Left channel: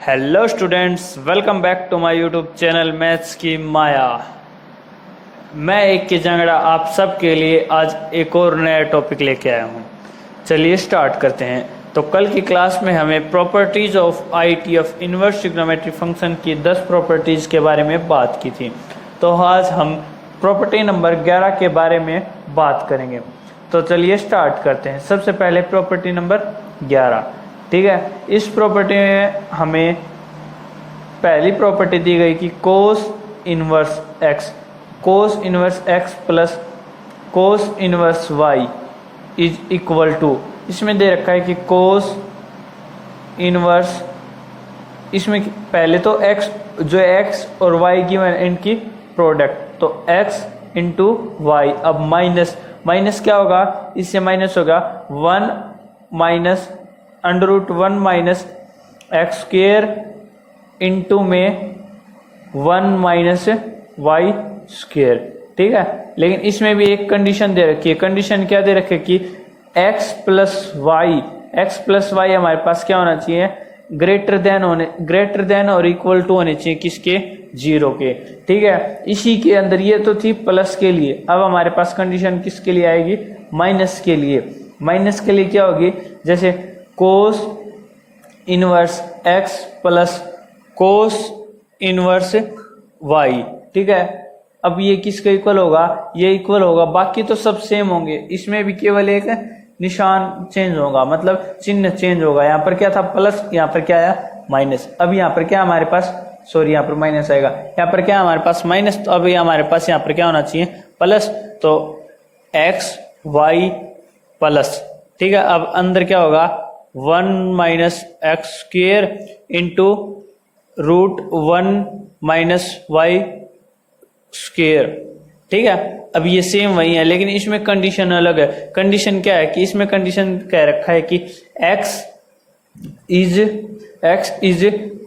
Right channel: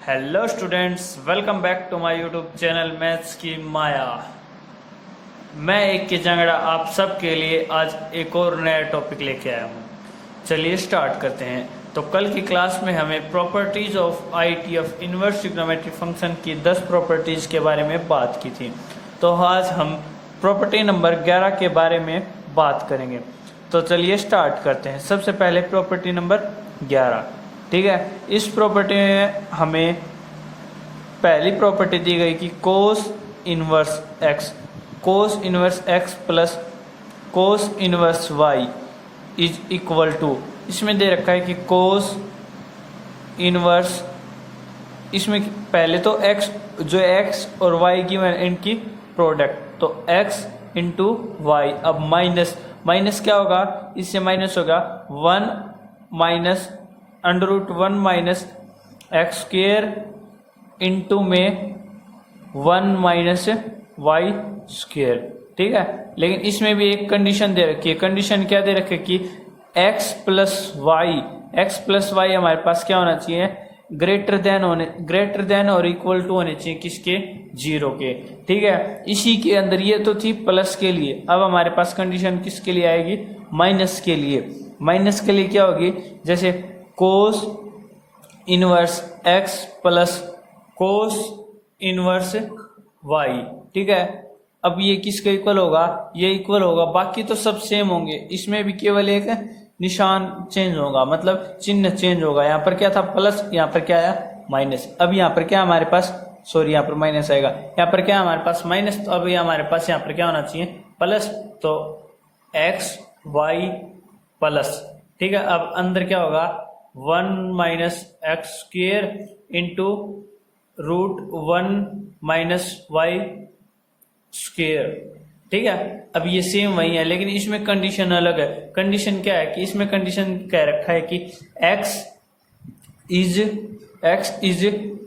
Hello students, welcome back to my YouTube channel maths की माया। मैं एक के जंगड़ा आप सब के लिए आज एक और नया टॉपिक लेके आया हूँ। चलिए स्टार्ट करते हैं। तो कल की क्लास में हमें properties of IT of inverse trigonometry function की 10 प्रॉपर्टीज के बारे में बात की थी। तो आज हम प्रॉपर्टी नंबर 11 के बारे में बात करेंगे। तो चलिए स्टार्ट करते हैं। सबसे पहले प्रॉपर्टी नंबर 11, ठीक है। इस प्रॉपर्टी में हमें पहली प्रॉपर्टी दी गई कि cos inverse x plus cos inverse y is equal to, इसमें दे रखा है कि कोस इनवर्स, इसमें पहले तो एक्स जो एक्स और वाई की इनकी प्रोडक्ट, तो एक्स इंटू वाई। अब माइनस क्या होगा, इससे माइनस होगा 1 minus √1 minus x square into में 1 माइनस वाई स्क्वेयर, ठीक है। लेकिन इसमें भी एक कंडीशन दे रखी है। कंडीशन क्या दे रखी है कि एक्स प्लस वाई हमारे पास क्या होना चाहिए, ग्रेटर देन और इक्वल टू होने चाहिए किसके, 0 के, ठीक है। इसी के अंदर ये तो थी प्लस के लिए, अब हमारे पास कंडीशन किसके लिए आएगी, माइनस के लिए। माइनस के लिए क्या होगी, जैसे cos inverse x plus cos inverse y, ठीक है। अब ये किसके इक्वल होगा, ये इक्वल होगा, बाकी तो सब सेम होंगे। इसमें भी केवल एक निशान चेंज होगा, मतलब चिन्ह चेंज होगा। यहाँ पर क्या था प्लस, यहाँ पर क्या आया माइनस। अब यहाँ पर क्या हमारे पास, सॉरी यहाँ पर माइनस आएगा, यहाँ पर क्या हमारे पास माइनस, तो अभी हमारे पास यहाँ पर क्या होना चाहिए प्लस, तो एक्स वाई प्लस, ठीक है। अब अंदर क्या होगा 1 minus x square into √1 minus y square, ठीक है। अब ये सेम वही है, लेकिन इसमें कंडीशन अलग है। कंडीशन क्या है कि इसमें कंडीशन कह रखा है कि x इज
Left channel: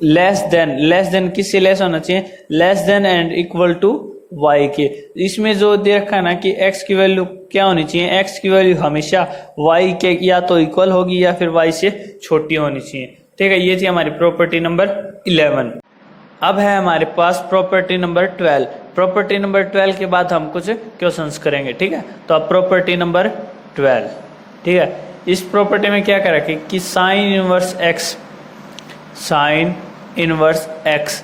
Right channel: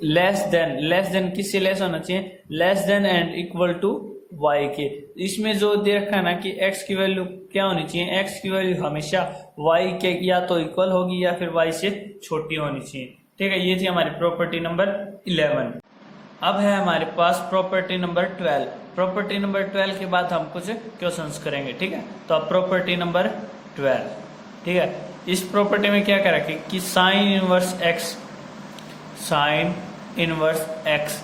लेस देन किससे लेस होना चाहिए, less than and equal to y के। इसमें जो दे रखा है ना कि x की वैल्यू क्या होनी चाहिए, x की वैल्यू हमेशा y के या तो इक्वल होगी या फिर y से छोटी होनी चाहिए, ठीक है। ये थी हमारी प्रॉपर्टी नंबर 11। अब है हमारे पास प्रॉपर्टी नंबर 12। प्रॉपर्टी नंबर 12 के बाद हम कुछ क्वेश्चंस करेंगे, ठीक है। तो अब प्रॉपर्टी नंबर 12, ठीक है। इस प्रॉपर्टी में क्या कर रखे कि साइन इनवर्स एक्स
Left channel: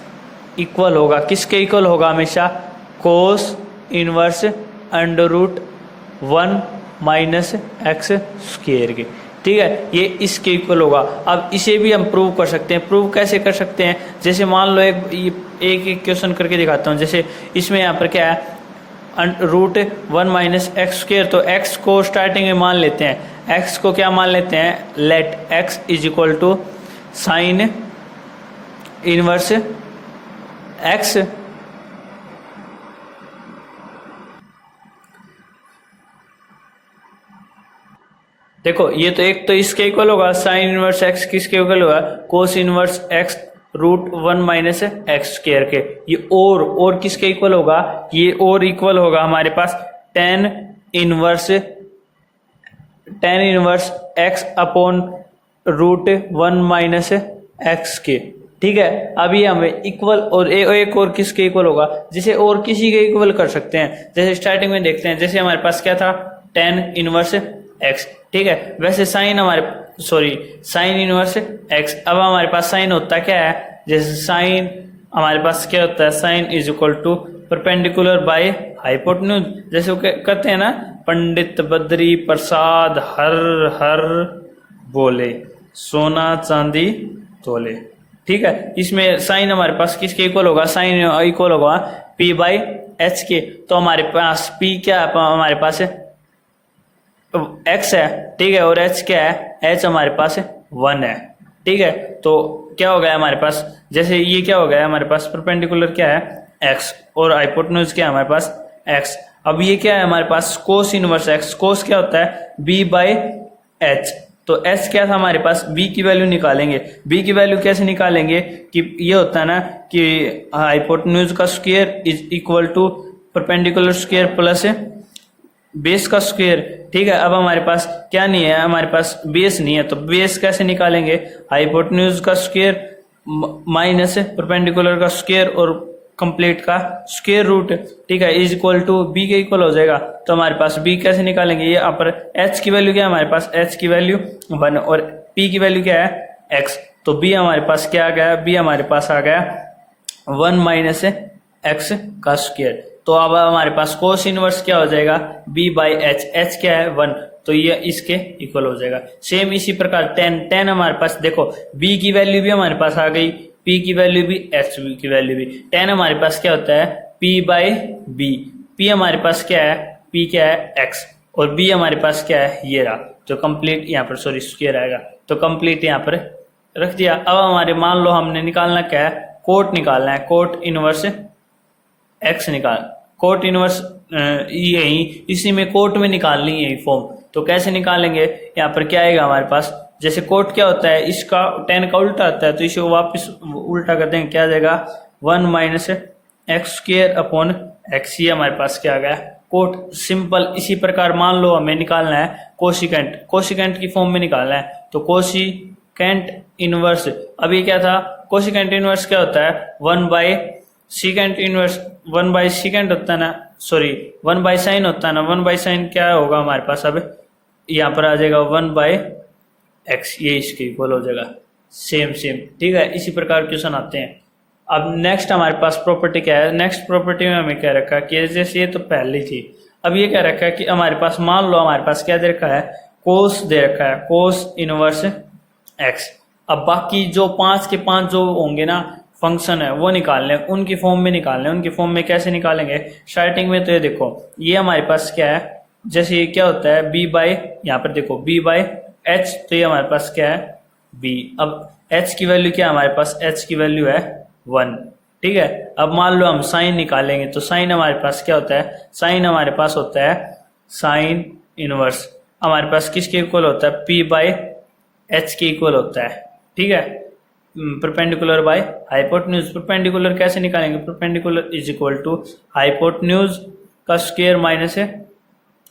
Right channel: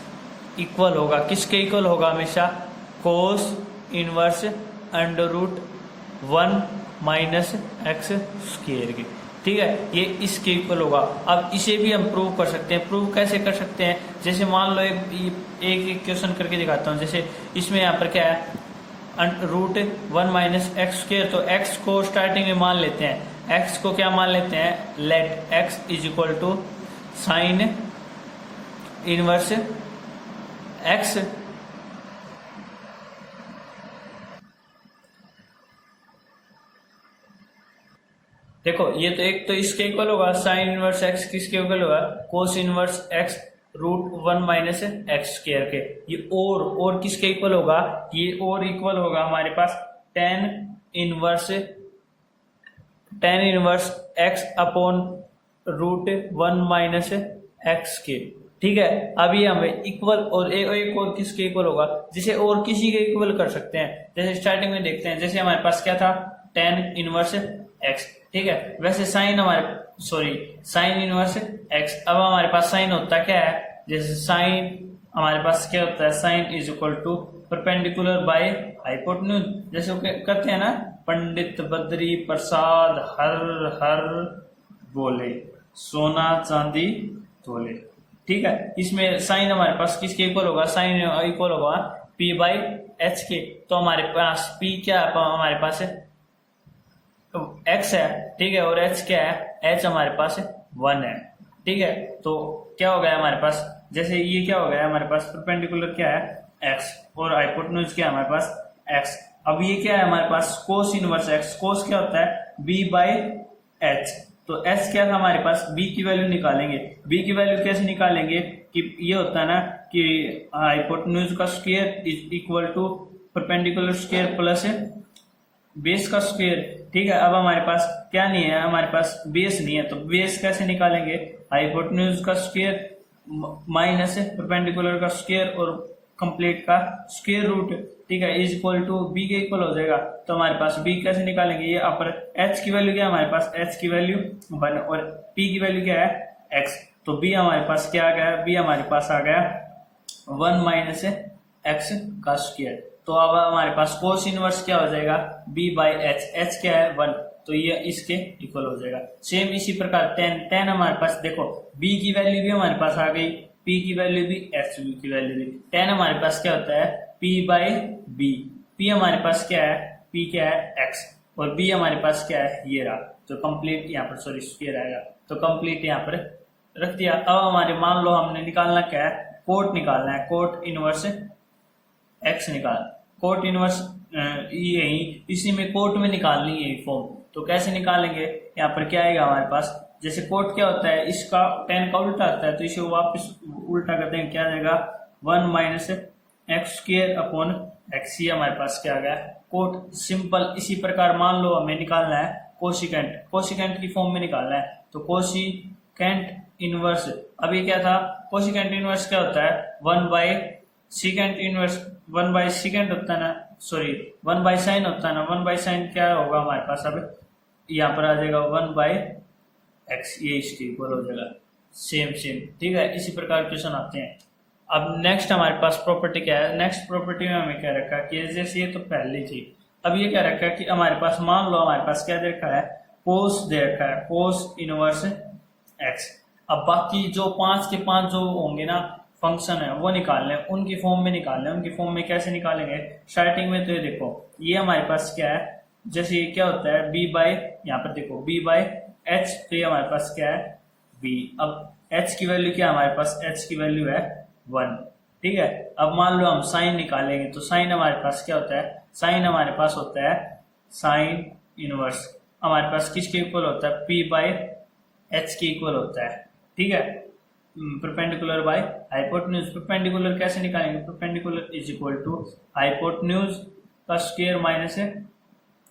इक्वल होगा, किसके इक्वल होगा हमेशा, cos inverse √1 minus x square के, ठीक है। ये इसके इक्वल होगा। अब इसे भी हम प्रूव कर सकते हैं। प्रूव कैसे कर सकते हैं, जैसे मान लो एक क्वेश्चन करके दिखाता हूँ। जैसे इसमें यहाँ पर क्या है, √1 माइनस एक्स स्क्वेयर, तो एक्स को स्टार्टिंग में मान लेते हैं, एक्स को क्या मान लेते हैं, let x is equal to sine inverse x, देखो ये तो एक तो इसके इक्वल होगा, साइन इनवर्स एक्स किसके इक्वल होगा, cos inverse x √1 minus x square के। ये और किसके इक्वल होगा, ये और इक्वल होगा हमारे पास ten inverse x upon √1 minus x के, ठीक है। अभी हमें इक्वल और एक और किसके इक्वल होगा, जिसे और किसी के इक्वल कर सकते हैं। जैसे स्टार्टिंग में देखते हैं, जैसे हमारे पास क्या था टेन इनवर्स एक्स, ठीक है। वैसे साइन इनवर्स एक्स, अब हमारे पास साइन होता क्या है, जैसे साइन हमारे पास क्या होता है, sine is equal to perpendicular by hypotenuse. जैसे वो करते हैं ना, पंडित बद्री प्रसाद हर बोले सोना चांदी तोले, ठीक है। इसमें साइन हमारे पास किसके इक्वल होगा, साइन इक्वल होगा p/h के। तो हमारे पास p क्या है, हमारे पास x है, ठीक है, और h क्या है, h हमारे पास 1 है, ठीक है। तो क्या हो गया हमारे पास, जैसे ये क्या हो गया हमारे पास, परपेंडिकुलर क्या है x और हाइपोटेन्यूज क्या है हमारे पास x। अब ये क्या है हमारे पास, कोस इनवर्स x, कोस क्या होता है b/h, तो h क्या था हमारे पास, b की वैल्यू निकालेंगे। b की वैल्यू कैसे निकालेंगे कि ये होता है ना कि हाइपोटेन्यूज का square is equal to perpendicular square plus base का स्क्वायर, ठीक है। अब हमारे पास क्या नहीं है, हमारे पास बेस नहीं है, तो बेस कैसे निकालेंगे, हाइपोटेन्यूज का स्क्वायर माइनस परपेंडिकुलर का स्क्वायर और कंप्लीट का स्क्वायर रूट, ठीक है, इज इक्वल टू बी के इक्वल हो जाएगा। तो हमारे पास बी कैसे निकालेंगे, ये यहाँ पर एच की वैल्यू क्या है हमारे पास, एच की वैल्यू 1 और पी की वैल्यू क्या है एक्स। तो बी हमारे पास क्या आ गया, बी हमारे पास आ गया 1 माइनस एक्स का स्क्वायर। तो अब हमारे पास कोस इनवर्स क्या हो जाएगा, बी बाई एच, एच क्या है 1, तो ये इसके इक्वल हो जाएगा। सेम इसी प्रकार टेन हमारे पास देखो बी की वैल्यू भी हमारे पास आ गई, पी की वैल्यू भी, एच की वैल्यू भी। टेन हमारे पास क्या होता है पी बाई बी, पी हमारे पास क्या है, पी क्या है एक्स, और बी हमारे पास क्या है ये रहा। तो कंप्लीट यहाँ पर सॉरी स्क्वायर आएगा, तो कंप्लीट यहाँ पर रख दिया। अब हमारे मान लो हमने निकालना क्या है, कोट निकालना है, कोट इनवर्स एक्स निकाल, कोट इनवर्स यही इसी में कोट में निकालनी है फॉर्म। तो कैसे निकालेंगे, यहाँ पर क्या आएगा हमारे पास, जैसे कोट क्या होता है इसका टेन का उल्टा आता है, तो इसे वापस उल्टा कर देंगे, क्या आ जाएगा 1 minus x square upon x, ये हमारे पास क्या आ गया कोट। सिंपल इसी प्रकार मान लो हमें निकालना है कोशिकेंट, कोशिकेंट की फॉर्म में निकालना है, तो कोशिकेंट इनवर्स, अभी क्या था कोशिकेंट इनवर्स क्या होता है 1 by secant inverse, 1 by secant होता है ना, सॉरी 1 बाई साइन होता है ना, 1 बाई साइन क्या होगा हमारे पास, अब यहाँ पर आ जाएगा 1 बाई एक्स, ये इसके इक्वल हो जाएगा। सेम ठीक है, इसी प्रकार क्वेश्चन आते हैं। अब नेक्स्ट हमारे पास प्रॉपर्टी क्या है, नेक्स्ट प्रॉपर्टी में हमें क्या रखा है कि जैसे ये तो पहले थी, अब ये क्या रखा है कि हमारे पास मान लो हमारे पास क्या दे रखा है, कोस दे रखा है, कोस इनवर्स एक्स। अब बाकी जो 5 के 5 जो होंगे ना फंक्शन है वो निकालने, उनकी फॉर्म में निकालने, उनकी फॉर्म में कैसे निकालेंगे, स्टार्टिंग में तो ये देखो ये हमारे पास क्या है, जैसे ये क्या होता है बी बाई, यहाँ पर देखो बी बाई एच, तो ये हमारे पास क्या है बी। अब एच की वैल्यू क्या है हमारे पास, एच की वैल्यू है 1, ठीक है। अब मान लो हम साइन निकालेंगे, तो साइन हमारे पास क्या होता है, साइन हमारे पास होता है साइन इनवर्स, हमारे पास किसके इक्वल होता है पी बाई एच के इक्वल होता है, ठीक है, परपेंडिकुलर बाय हाइपोटेन्यूज। परपेंडिकुलर कैसे निकालेंगे, perpendicular is equal to hypotenuse का स्क्वायर माइनस है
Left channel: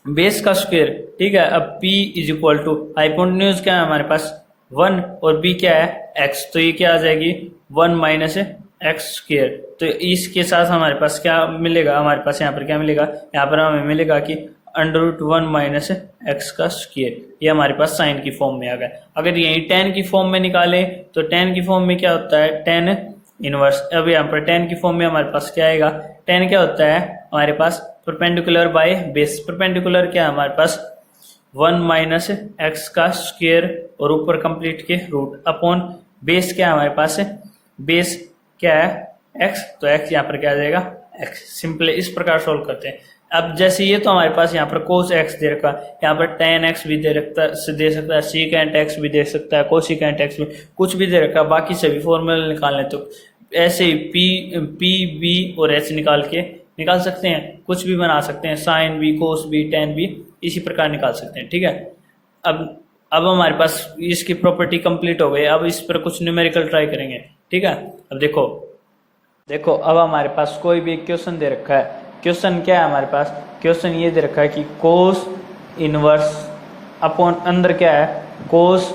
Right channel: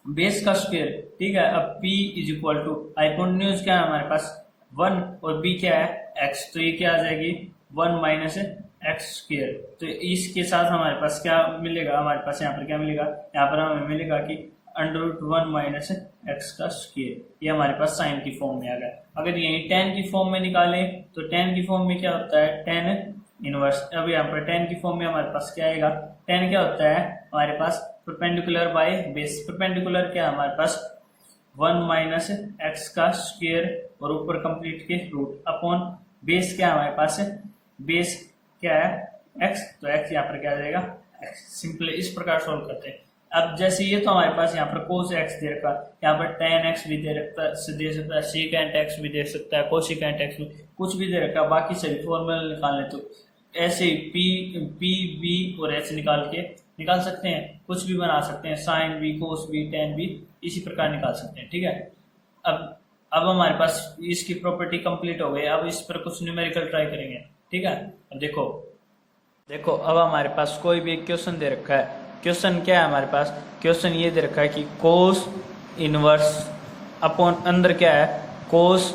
बेस का स्क्वायर, ठीक है। अब P is equal to hypotenuse क्या है हमारे पास 1 और B क्या है x, तो ये क्या आ जाएगी 1 माइनस एक्स स्क्वायर। तो इसके साथ हमारे पास क्या मिलेगा, हमारे पास यहाँ पर क्या मिलेगा, यहाँ पर हमें मिलेगा कि √1 माइनस एक्स का स्क्वायर, ये हमारे पास साइन की फॉर्म में आ गया। अगर यही टेन की फॉर्म में निकालें तो टेन की फॉर्म में क्या होता है टेन इनवर्स। अब यहाँ पर टेन की फॉर्म में हमारे पास क्या आएगा, टेन क्या होता है हमारे पास परपेंडिकुलर बाय बेस, परपेंडिकुलर क्या है हमारे पास 1 माइनस एक्स का स्क्वायर और ऊपर कंप्लीट के रूट अपॉन बेस क्या है हमारे पास, बेस क्या है एक्स, तो एक्स यहाँ पर क्या आ जाएगा एक्स। सिंपल इस प्रकार सोल्व करते हैं। अब जैसे ये तो हमारे पास यहाँ पर कोस एक्स दे रखा, यहाँ पर टेन एक्स भी दे सकता है, सीकेंट एक्स भी दे सकता है, कोसिकेंट एक्स भी कुछ भी दे रखा, बाकी सभी फॉर्मूले निकालने तो ऐसे ही पी बी और एच निकाल सकते हैं, कुछ भी बना सकते हैं, sine B cos B tan B इसी प्रकार निकाल सकते हैं, ठीक है। अब हमारे पास इसकी प्रॉपर्टी कंप्लीट हो गई, अब इस पर कुछ न्यूमेरिकल ट्राई करेंगे, ठीक है। अब देखो अब हमारे पास कोई भी क्वेश्चन दे रखा है, क्वेश्चन क्या है हमारे पास, क्वेश्चन ये दे रखा है कि कोस इनवर्स अपॉन अंदर क्या है कोस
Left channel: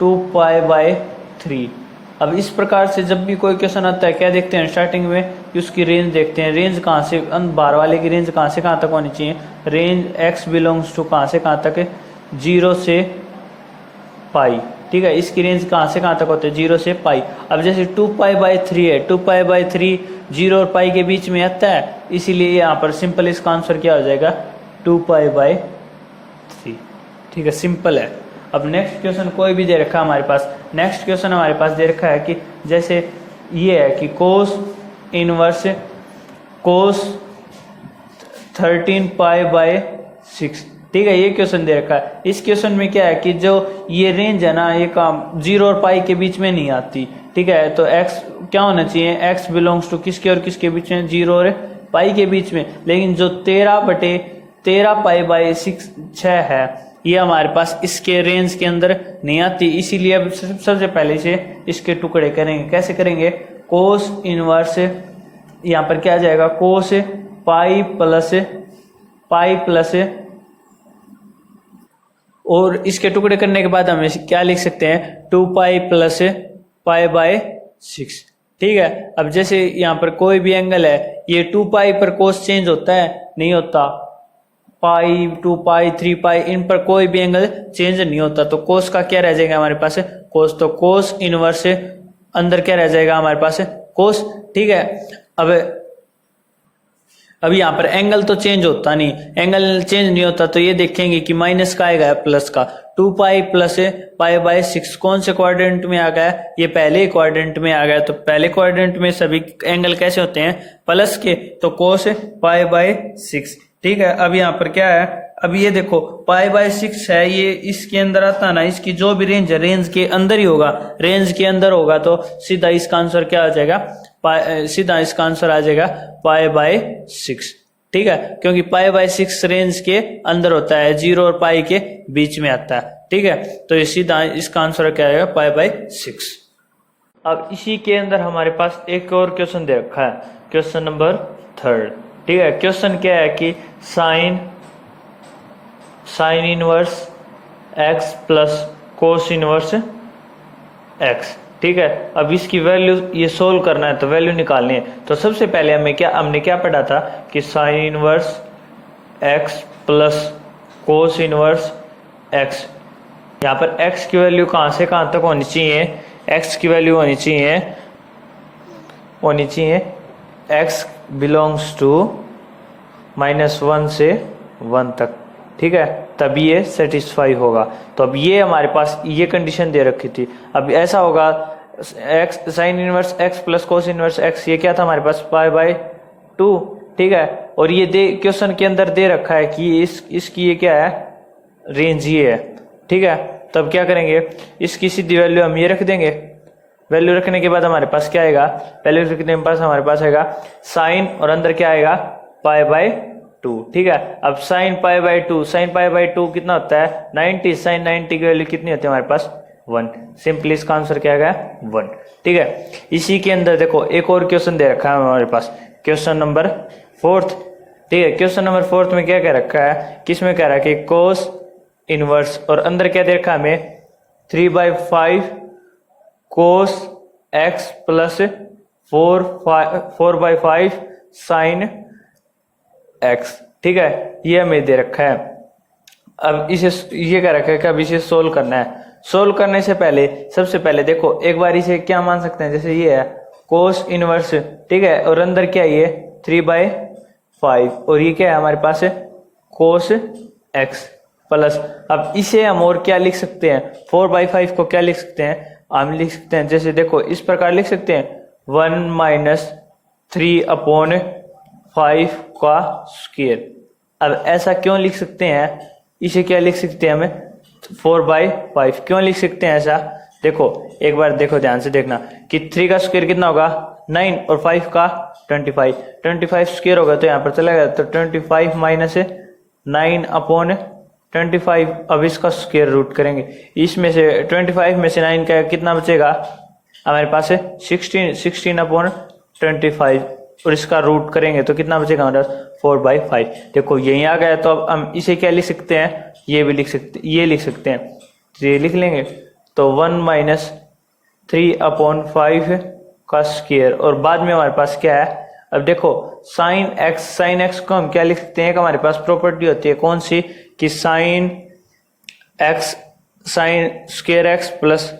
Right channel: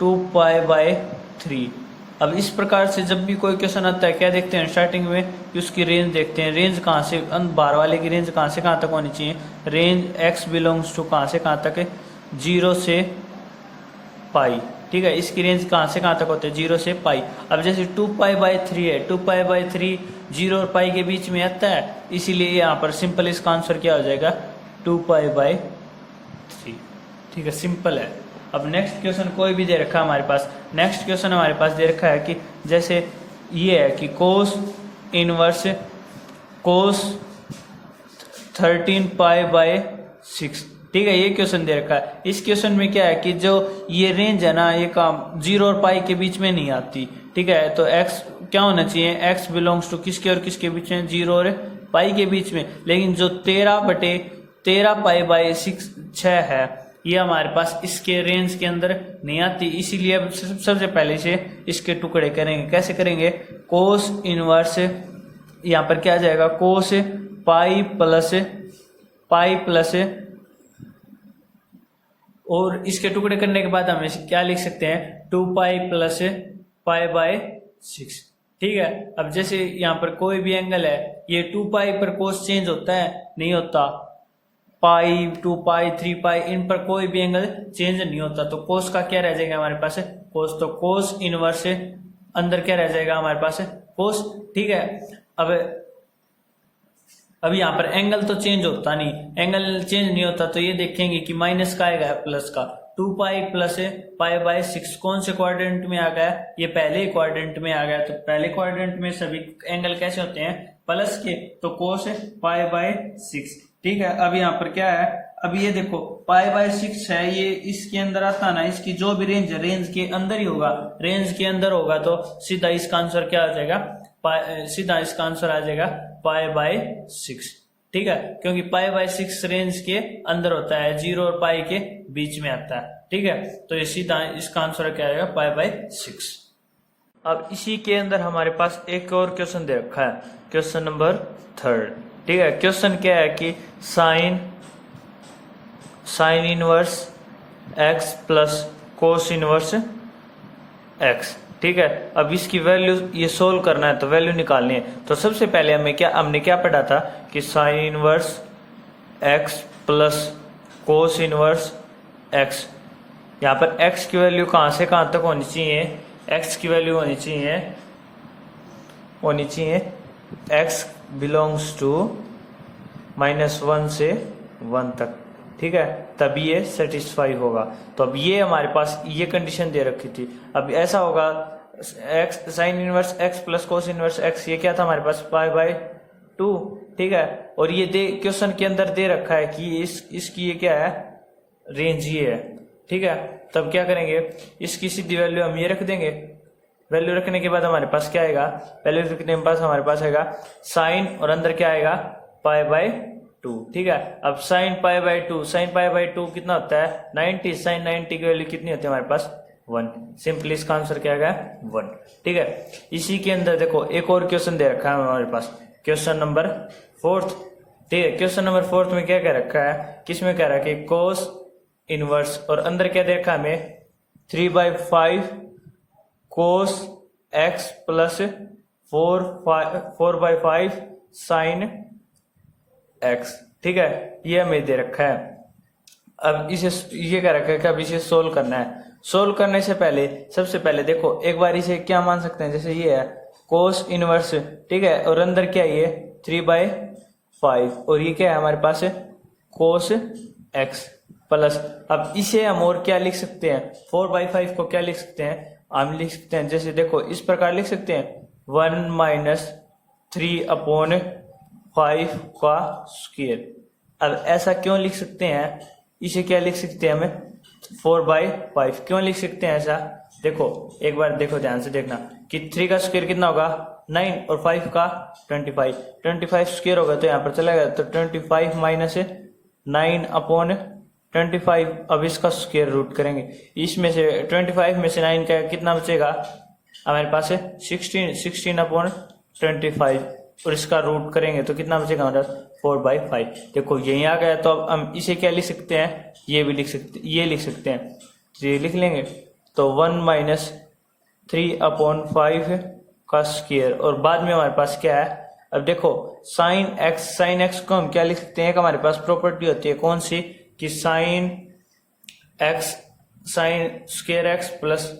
2 पाई बाय 3। अब इस प्रकार से जब भी कोई क्वेश्चन आता है क्या देखते हैं स्टार्टिंग में कि उसकी रेंज देखते हैं, रेंज कहाँ से, बाहर वाले की रेंज कहाँ से कहाँ तक होनी चाहिए, रेंज x बिलोंग्स टू कहाँ से कहाँ तक है 0 से पाई, ठीक है। इसकी रेंज कहाँ से कहाँ तक होते हैं 0 से पाई। अब जैसे 2 पाई बाय 3 है, 2 पाई बाय 3 0 और पाई के बीच में आता है, इसीलिए यहाँ पर सिंपल इसका आंसर क्या हो जाएगा 2 पाई बाय 3, ठीक है, सिंपल है। अब नेक्स्ट क्वेश्चन कोई भी दे रखा है हमारे पास, नेक्स्ट क्वेश्चन हमारे पास दे रखा है कि जैसे ये है कि cos inverse cos 13 pi by 6, ठीक है, ये क्वेश्चन दे रखा है। इस क्वेश्चन में क्या है कि जो ये रेंज है ना ये काम 0 और पाई के बीच में नहीं आती, ठीक है। तो x क्या होना चाहिए, x बिलोंग्स टू किसके और किसके बीच में 0 और पाई के बीच में, लेकिन जो 13 पाई बाय 6 है ये हमारे पास इसके रेंज के अंदर नहीं आती, इसीलिए अब सबसे पहले से इसके टुकड़े करेंगे। कैसे करेंगे, कोस इनवर्स यहाँ पर क्या आ जाएगा कोस पाई प्लस और इसके टुकड़े करने के बाद हम क्या लिख सकते हैं 2 पाई प्लस पाई बाय 6। ठीक है, अब जैसे यहाँ पर कोई भी एंगल है, ये 2 पाई पर कोस चेंज होता है? नहीं होता। पाई, 2 पाई, 3 पाई, इन पर कोई भी एंगल चेंज नहीं होता। तो कोस का क्या रह जाएगा हमारे पास? कोस। तो कोस इनवर्स से अंदर क्या रह जाएगा हमारे पास? कोस। ठीक है, अब यहाँ पर एंगल तो चेंज होता नहीं, एंगल चेंज नहीं होता तो ये देखेंगे कि माइनस का आएगा प्लस का। 2 पाई प्लस पाई बाय 6 कौन से क्वाड्रेंट में आ गया? ये पहले क्वाड्रेंट में आ गया। तो पहले क्वाड्रेंट में सभी एंगल कैसे होते हैं? प्लस के। तो कोस पाई बाय 6। ठीक है, अब यहाँ पर क्या है? अब ये देखो पाई बाय 6 है, ये इसके अंदर आता ना, इसकी जो भी रेंज है रेंज के अंदर ही होगा। रेंज के अंदर होगा तो सीधा इसका आंसर क्या आ जाएगा? सीधा इसका आंसर आ जाएगा पाई बाय 6। ठीक है, क्योंकि पाई बाय 6 रेंज के अंदर होता है, 0 और पाई के बीच में आता है। ठीक है, तो ये सीधा इसका आंसर क्या आएगा? Pi by 6। अब इसी के अंदर हमारे पास एक और क्वेश्चन दे रखा है, क्वेश्चन नंबर 3। ठीक है, क्वेश्चन क्या है कि sine inverse x plus cos inverse x। ठीक है, अब इसकी वैल्यू ये सोल्व करना है तो वैल्यू निकालनी है। तो सबसे पहले हमने क्या पढ़ा था कि sine inverse x plus cos inverse x। यहाँ पर x की वैल्यू कहाँ से कहाँ तक होनी चाहिए? x की वैल्यू होनी चाहिए x बिलोंग्स टू -1 से 1 तक। ठीक है, तभी ये सेटिस्फाई होगा। तो अब ये हमारे पास ये कंडीशन दे रखी थी। अब ऐसा होगा x sine inverse x plus cos inverse x, ये क्या था हमारे पास? Pi by 2। ठीक है, और ये क्वेश्चन के अंदर दे रखा है कि इसकी ये क्या है? रेंज ये है। ठीक है, तब क्या करेंगे? इसकी सीधी वैल्यू हम ये रख देंगे। वैल्यू रखने के बाद हमारे पास क्या आएगा? वैल्यू रखने के पास हमारे पास आएगा साइन और अंदर क्या आएगा? Pi by 2। ठीक है, अब sine pi by 2, sine pi by 2 कितना होता है? 90। साइन 90 की वैल्यू कितनी होती है हमारे पास? 1। सिंपली इसका आंसर क्या आएगा? 1। ठीक है, इसी के अंदर देखो एक और क्वेश्चन दे रखा है हमारे पास, क्वेश्चन नंबर 4। ठीक है, क्वेश्चन नंबर 4 में क्या कह रखा है? किसमें कह रहा है कि कोस इनवर्स, और अंदर क्या दे रखा है हमें? 3/5 कोस x प्लस 4/5 साइन x। ठीक है, ये हमें दे रखा है। अब इसे ये कह रखा है कि अब इसे सोल्व करना है। सोल्व करने से पहले सबसे पहले देखो एक बार इसे क्या मान सकते हैं? जैसे ये है कोस इनवर्स। ठीक है, और अंदर क्या है? ये 3/5 और ये क्या है हमारे पास? कोस x प्लस। अब इसे हम और क्या लिख सकते हैं? 4/5 को क्या लिख सकते हैं? हम लिख सकते हैं, जैसे देखो इस प्रकार लिख सकते हैं 1 - 3/5 का स्क्वायर। अब ऐसा क्यों लिख सकते हैं? इसे क्या लिख सकते हैं हमें? 4/5 क्यों लिख सकते हैं ऐसा? देखो एक बार देखो, ध्यान से देखना कि 3 का स्क्वायर कितना होगा? 9 और 5 का 25। 25 स्क्वायर होगा तो यहाँ पर चला गया, तो 25 - 9/25। अब इसका स्क्वायर रूट करेंगे, इसमें से 25 में से 9 का कितना बचेगा हमारे पास? 16/25 और इसका रूट करेंगे तो कितना बचेगा हमारा? 4/5। देखो यही आ गया। तो अब हम इसे क्या लिख सकते हैं? ये भी लिख सकते, ये लिख सकते हैं, तो ये लिख लेंगे। तो 1 - 3/5 का स्क्वायर, और बाद में हमारे पास क्या है? अब देखो साइन x को हम क्या लिख सकते हैं? हमारे पास प्रॉपर्टी होती है कौन सी? कि sine square x plus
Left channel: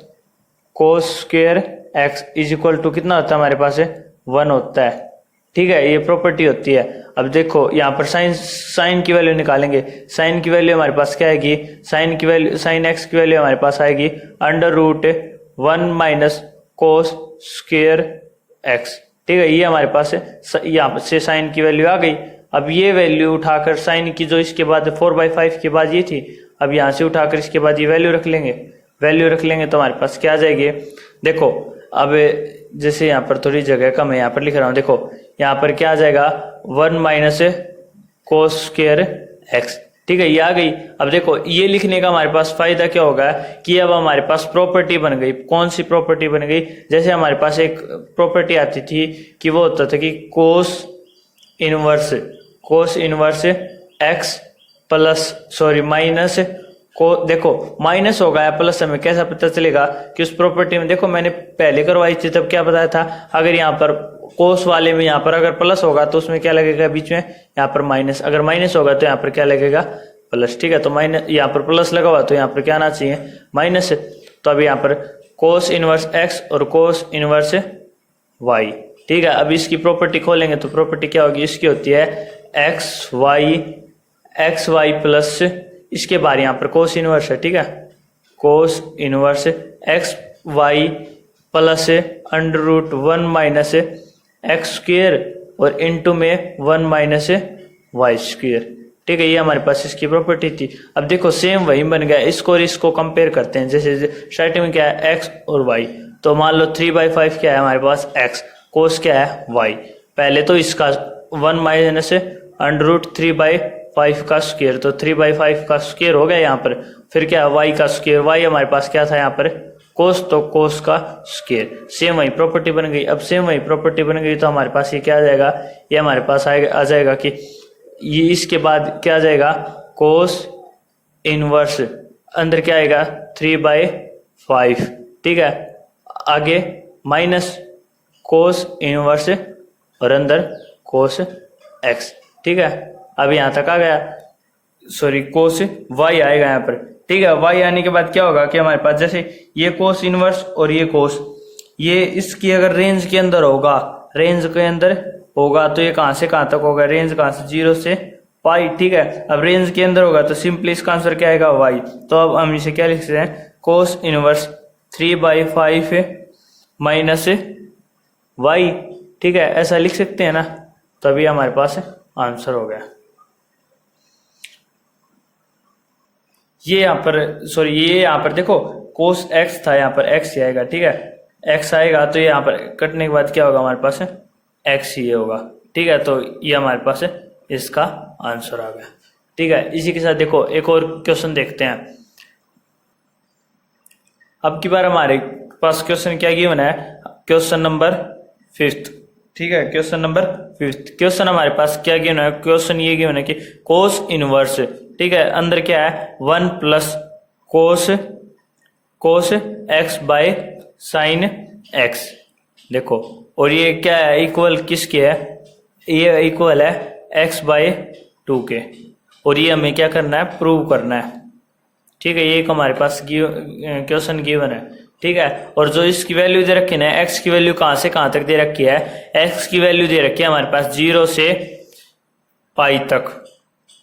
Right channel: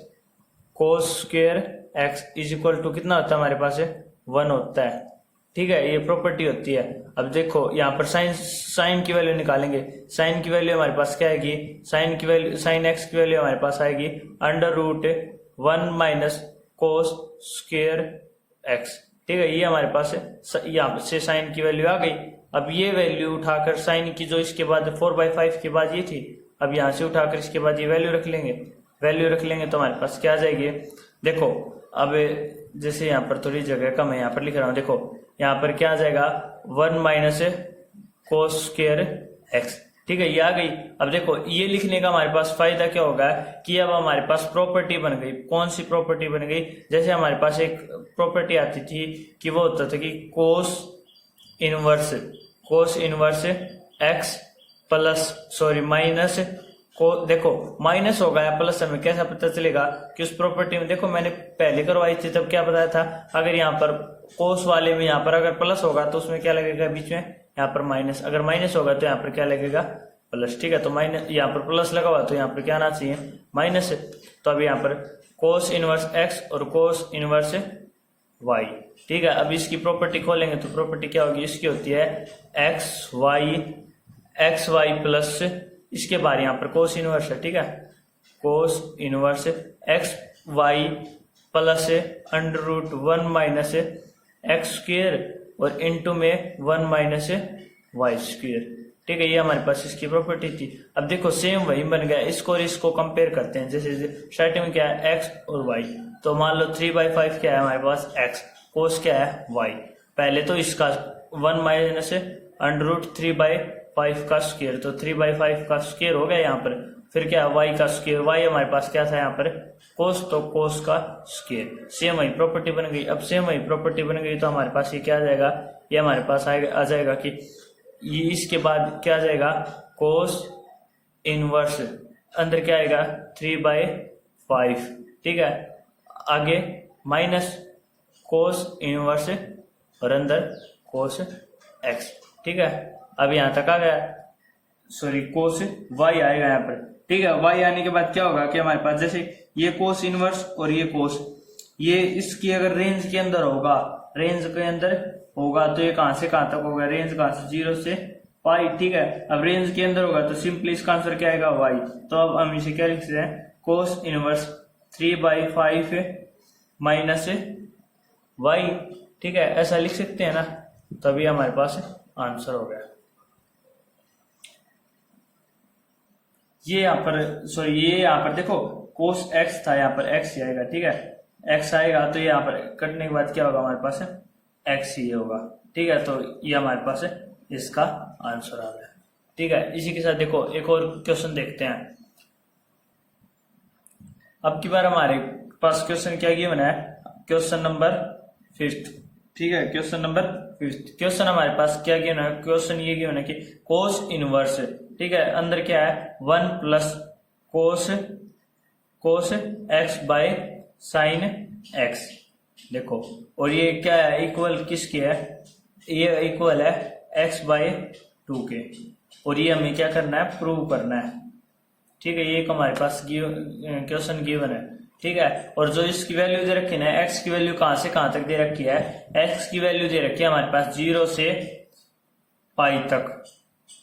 cos square x is equal to कितना होता है हमारे पास? 1 होता है। ठीक है, ये प्रॉपर्टी होती है। अब देखो यहाँ पर साइन की वैल्यू निकालेंगे। साइन की वैल्यू हमारे पास क्या आएगी? साइन x की वैल्यू हमारे पास आएगी √1 - कोस स्क्वायर x। ठीक है, ये हमारे पास यहाँ से साइन की वैल्यू आ गई। अब ये वैल्यू उठाकर साइन की जो इसके बाद 4/5 के बाद ये थी, अब यहाँ से उठाकर इसके बाद ये वैल्यू रख लेंगे। वैल्यू रख लेंगे तो हमारे पास क्या आ जाएगी? देखो अब जैसे यहाँ पर थोड़ी जगह कम है, यहाँ पर लिख रहा हूँ। देखो यहाँ पर क्या आ जाएगा? 1 - कोस स्क्वायर x। ठीक है, ये आ गई। अब देखो ये लिखने का हमारे पास फायदा क्या होगा कि अब हमारे पास प्रॉपर्टी बन गई। कौन सी प्रॉपर्टी बन गई? जैसे हमारे पास एक प्रॉपर्टी आती थी कि वो होता था कि cos inverse x plus minus को देखो माइनस होगा या प्लस, हमें कैसा पता चलेगा कि उस प्रॉपर्टी में, देखो मैंने पहले करवाई थी तब क्या बताया था, अगर यहाँ पर कोस वाले में यहाँ पर अगर प्लस होगा तो उसमें क्या लगेगा बीच में, यहाँ पर माइनस, अगर माइनस होगा तो यहाँ पर क्या लगेगा, प्लस। ठीक है, तो माइनस यहाँ पर प्लस लगा हुआ तो यहाँ पर क्या आना चाहिए, माइनस। तो अभी यहाँ पर कोस इनवर्स एक्स और कोस इनवर्स वाई। ठीक है, अब इसकी प्रॉपर्टी खोलेंगे तो प्रॉपर्टी क्या होगी, इसकी होती है एक्स वाई प्लस, इसके बाद यहाँ पर कोस इनवर्स है। ठीक है, cos inverse x y plus under root 1 minus x square और इनटू में 1 माइनस वाई स्क्वेयर। ठीक है, ये हमारे पास इसकी प्रॉपर्टी थी। अब देखो सेम वही बन गया, इसको और इसको कंपेयर करते हैं। जैसे स्टार्टिंग में क्या है एक्स और वाई, तो मान लो 3/5 क्या है हमारे पास एक्स, कोस क्या है वाई। पहले तो इसका 1 माइनस अंडर रूट 3/5 का स्क्वेयर, तो 3/5 का स्क्वेयर हो गया यहाँ पर। फिर क्या है वाई का स्क्वेयर, वाई हमारे पास क्या था यहाँ पर कोस, तो कोस का स्क्वेयर। सेम वही प्रॉपर्टी बन गई। अब सेम वही प्रॉपर्टी बन गई तो हमारे पास ये क्या आ जाएगा, ये हमारे पास आ जाएगा कि ये इसके बाद क्या आ जाएगा, कोस इनवर्स, अंदर क्या आएगा 3/5। ठीक है, आगे माइनस कोस इनवर्स और अंदर कोस एक्स। ठीक है, अब यहाँ तक आ गया, सॉरी कोस वाई आएगा यहाँ पर। ठीक है, वाई आने के बाद क्या होगा कि हमारे पास जैसे ये कोस इनवर्स और ये कोस, ये इसकी अगर रेंज के अंदर होगा, रेंज के अंदर होगा तो ये कहां से कहां तक होगा, रेंज कहां से 0 से पाई। ठीक है, अब रेंज के अंदर होगा तो सिंपली इसका आंसर क्या आएगा वाई। तो अब हम इसे क्या लिख सकते हैं, कोस इनवर्स 3/5 माइनस वाई। ठीक है, ऐसा लिख सकते हैं ना, तभी हमारे पास आंसर हो गया। ये यहाँ पर सॉरी, ये यहाँ पर देखो कोस एक्स था, यहाँ पर एक्स ही आएगा। ठीक है, एक्स आएगा तो यहाँ पर कटने के बाद क्या होगा हमारे पास एक्स ही होगा। ठीक है, तो ये हमारे पास इसका आंसर आ गया। ठीक है, इसी के साथ देखो एक और क्वेश्चन देखते हैं। अब की बार हमारे पास क्वेश्चन क्या गिवन है, क्वेश्चन नंबर 5। ठीक है, क्वेश्चन नंबर 5। क्वेश्चन हमारे पास क्या गिवन है, क्वेश्चन ये गिवन है कि कोस इनवर्स, ठीक है, अंदर क्या है 1 plus cos x by sine x. देखो, और ये क्या है, इक्वल किसके है, ये इक्वल है x/2 के, और ये हमें क्या करना है, प्रूव करना है। ठीक है, ये एक हमारे पास क्वेश्चन गिवन है। ठीक है, और जो इसकी वैल्यू दे रखी है, x की वैल्यू कहां से कहां तक दे रखी है, x की वैल्यू दे रखी है हमारे पास 0 से पाई तक।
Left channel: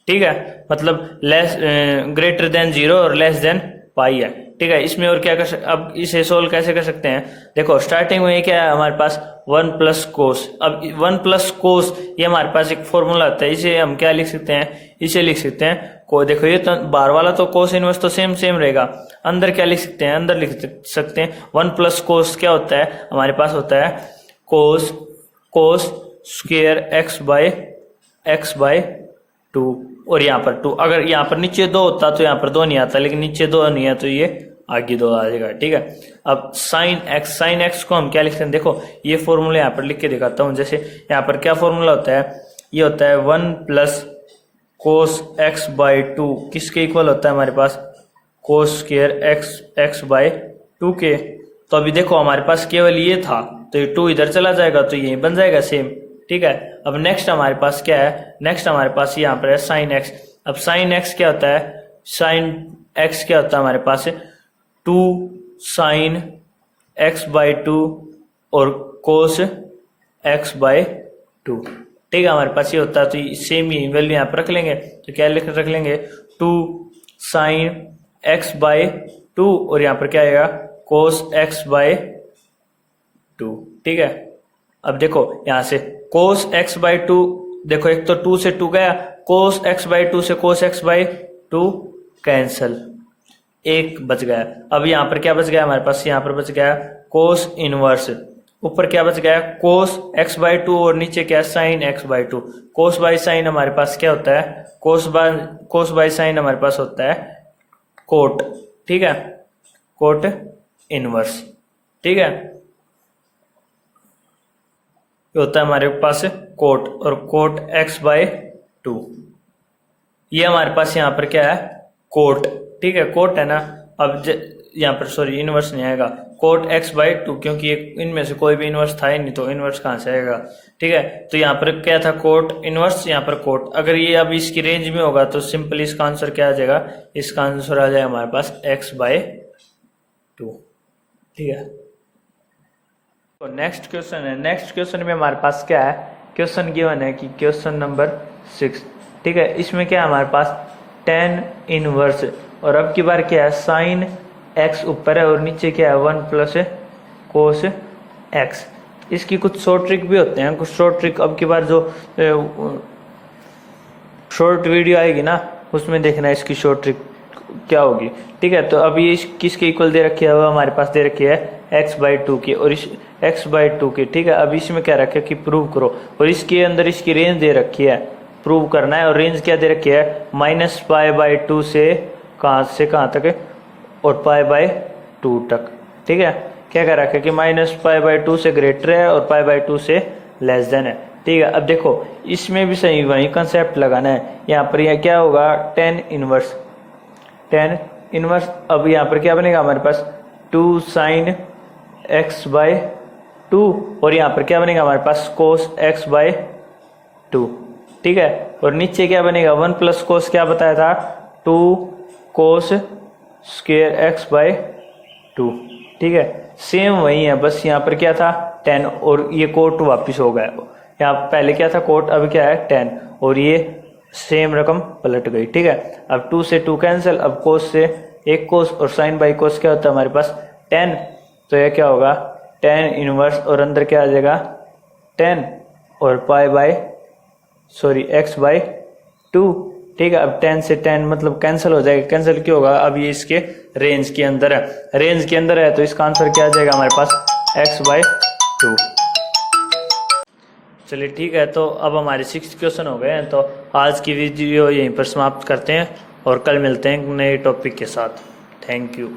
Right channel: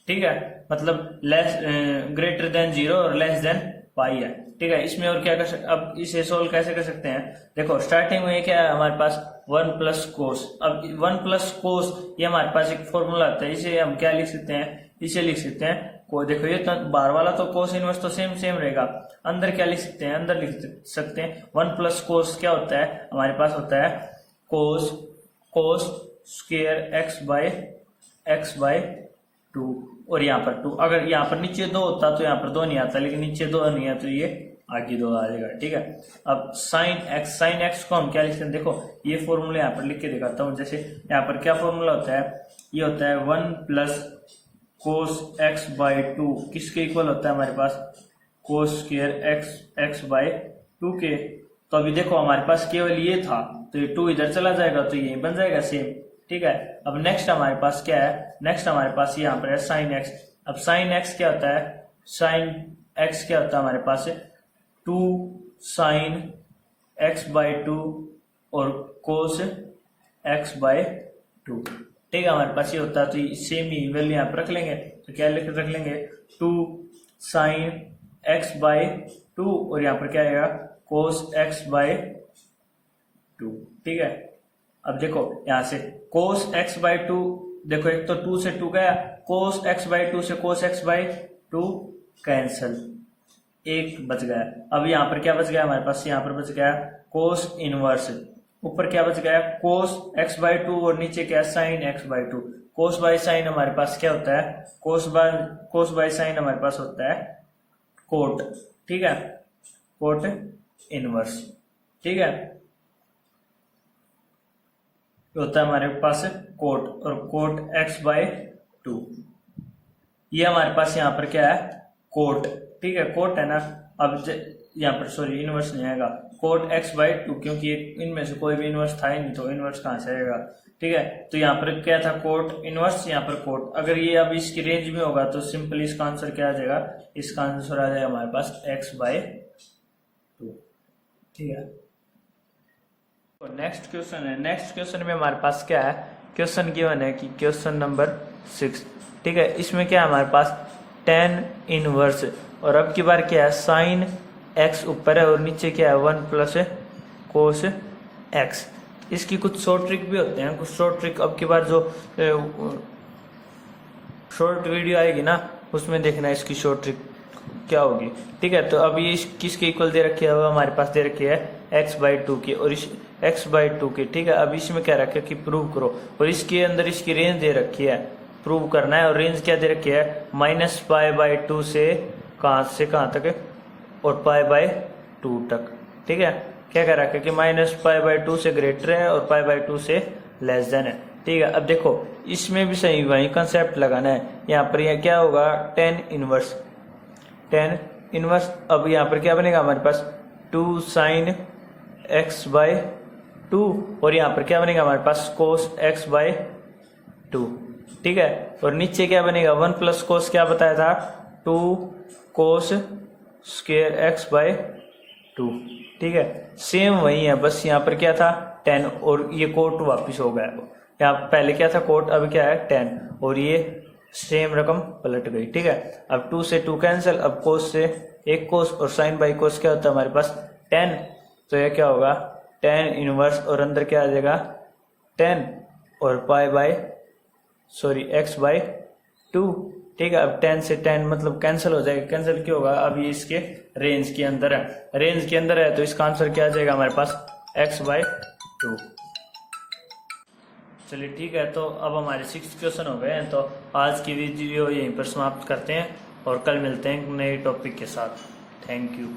ठीक है, मतलब लेस ग्रेटर देन 0 और लेस देन पाई है। ठीक है, इसमें और क्या अब इसे सोल्व कैसे कर सकते हैं, देखो स्टार्टिंग में क्या है हमारे पास 1 प्लस कोस। अब 1 प्लस कोस ये हमारे पास एक फॉर्मूला आता है, इसे हम क्या लिख सकते हैं, इसे लिख सकते हैं को, देखो ये तो बाहर वाला तो कोस इनवर्स तो सेम रहेगा, अंदर क्या लिख सकते हैं, अंदर लिख सकते हैं 1 प्लस कोस क्या होता है हमारे पास, होता है कोस स्क्वेयर x/2, और यहाँ पर 2। अगर यहाँ पर नीचे 2 होता तो यहाँ पर 2 नहीं आता, लेकिन नीचे 2 नहीं है तो ये आगे 2 आ जाएगा। ठीक है, अब साइन एक्स को हम क्या लिखते हैं, देखो ये फॉर्मूला यहाँ पर लिख के दिखाता हूँ। जैसे यहाँ पर क्या फॉर्मूला होता है, ये होता है 1 प्लस कोस x/2 किसके इक्वल होता है हमारे पास, कोस स्क्वेयर x/2 के। तो अभी देखो हमारे पास केवल ये था तो ये 2 इधर चला जाएगा तो ये बन जाएगा सेम। ठीक है, अब नेक्स्ट हमारे पास क्या है, नेक्स्ट हमारे पास यहाँ पर है साइन एक्स। अब साइन एक्स क्या होता है, साइन एक्स क्या होता है हमारे पास 2 साइन x/2 और कोस x/2। ठीक है, हमारे पास ये होता है, तो सेम ही वैल्यू यहाँ पर रख लेंगे। तो क्या रख लेंगे 2 साइन x/2 और यहाँ पर क्या आएगा कोस x/2। ठीक है, अब देखो यहाँ से कोस x/2, देखो एक तो 2 से 2 गया, कोस x/2 से कोस x/2 कैंसल, एक बच गया। अब यहाँ पर क्या बच गया हमारे पास, यहाँ पर बच गया कोस इनवर्स, ऊपर क्या बच गया कोस x/2 और नीचे क्या sign x/2। Cos by sine हमारे पास क्या होता है, कोस बाय साइन हमारे पास होता है कोट। ठीक है, कोट इनवर्स। ठीक है, होता है हमारे पास कोट, और कोट x/2 ये हमारे पास यहाँ पर क्या है कोट। ठीक है, कोट है ना। अब यहाँ पर सॉरी इनवर्स नहीं आएगा, कोट x/2, क्योंकि इनमें से कोई भी इनवर्स था ही नहीं तो इनवर्स कहाँ से आएगा। ठीक है, तो यहाँ पर क्या था, कोट इनवर्स, यहाँ पर कोट। अगर ये अब इसकी रेंज में होगा तो सिंपली इसका आंसर क्या आ जाएगा, इसका आंसर आ जाएगा हमारे पास x/2। ठीक है, तो नेक्स्ट क्वेश्चन है। नेक्स्ट क्वेश्चन में हमारे पास क्या है, क्वेश्चन गिवन है कि क्वेश्चन नंबर 6। ठीक है, इसमें क्या है हमारे पास tan इनवर्स, और अब की बार क्या है साइन x ऊपर है और नीचे क्या है 1 प्लस कोस x। इसकी कुछ शॉर्ट ट्रिक भी होते हैं, कुछ शॉर्ट ट्रिक अब की बार जो शॉर्ट वीडियो आएगी ना उसमें देखना इसकी शॉर्ट ट्रिक क्या होगी। ठीक है, तो अभी ये किसके इक्वल दे रखी है, वो हमारे पास दे रखी है x/2 की और इस x/2 की। ठीक है, अब इसमें क्या रखा है कि प्रूव करो, और इसके अंदर इसकी रेंज दे रखी है, प्रूव करना है। और रेंज क्या दे रखी है -π/2 से कहाँ तक है, और π/2 तक। ठीक है, क्या कह रखा है कि -π/2 से ग्रेटर है और π/2 से लेस देन है। ठीक है, अब देखो इसमें भी सही वही कंसेप्ट लगाना है। यहाँ पर यह क्या होगा tan इनवर्स, अब यहाँ पर क्या बनेगा हमारे पास 2 sin x/2, और यहाँ पर क्या बनेगा हमारे पास cos x/2। ठीक है, और नीचे क्या बनेगा 1 प्लस कोस, क्या बताया था 2 cos स्क्वायर x/2। ठीक है, सेम वही है, बस यहाँ पर क्या था tan और ये कोट वापिस हो गया। यहाँ पहले क्या था कोट, अब क्या है tan, और ये सेम रकम पलट गई। ठीक है, अब 2 से 2 कैंसिल, अब कोस से एक कोस, और साइन बाई कोस क्या होता है हमारे पास tan, तो ये क्या होगा tan इनवर्स, और अंदर क्या आ जाएगा tan और x/2। ठीक है, अब 10 से 10 मतलब कैंसिल हो जाएगा, कैंसिल क्यों होगा, अब ये इसके रेंज के अंदर है, रेंज के अंदर है तो इसका आंसर क्या आ जाएगा हमारे पास x/2। चलिए ठीक है, तो अब हमारे 6 क्वेश्चन हो गए हैं, तो आज की वीडियो यहीं पर समाप्त करते हैं और कल मिलते हैं नए टॉपिक के साथ। Thank you.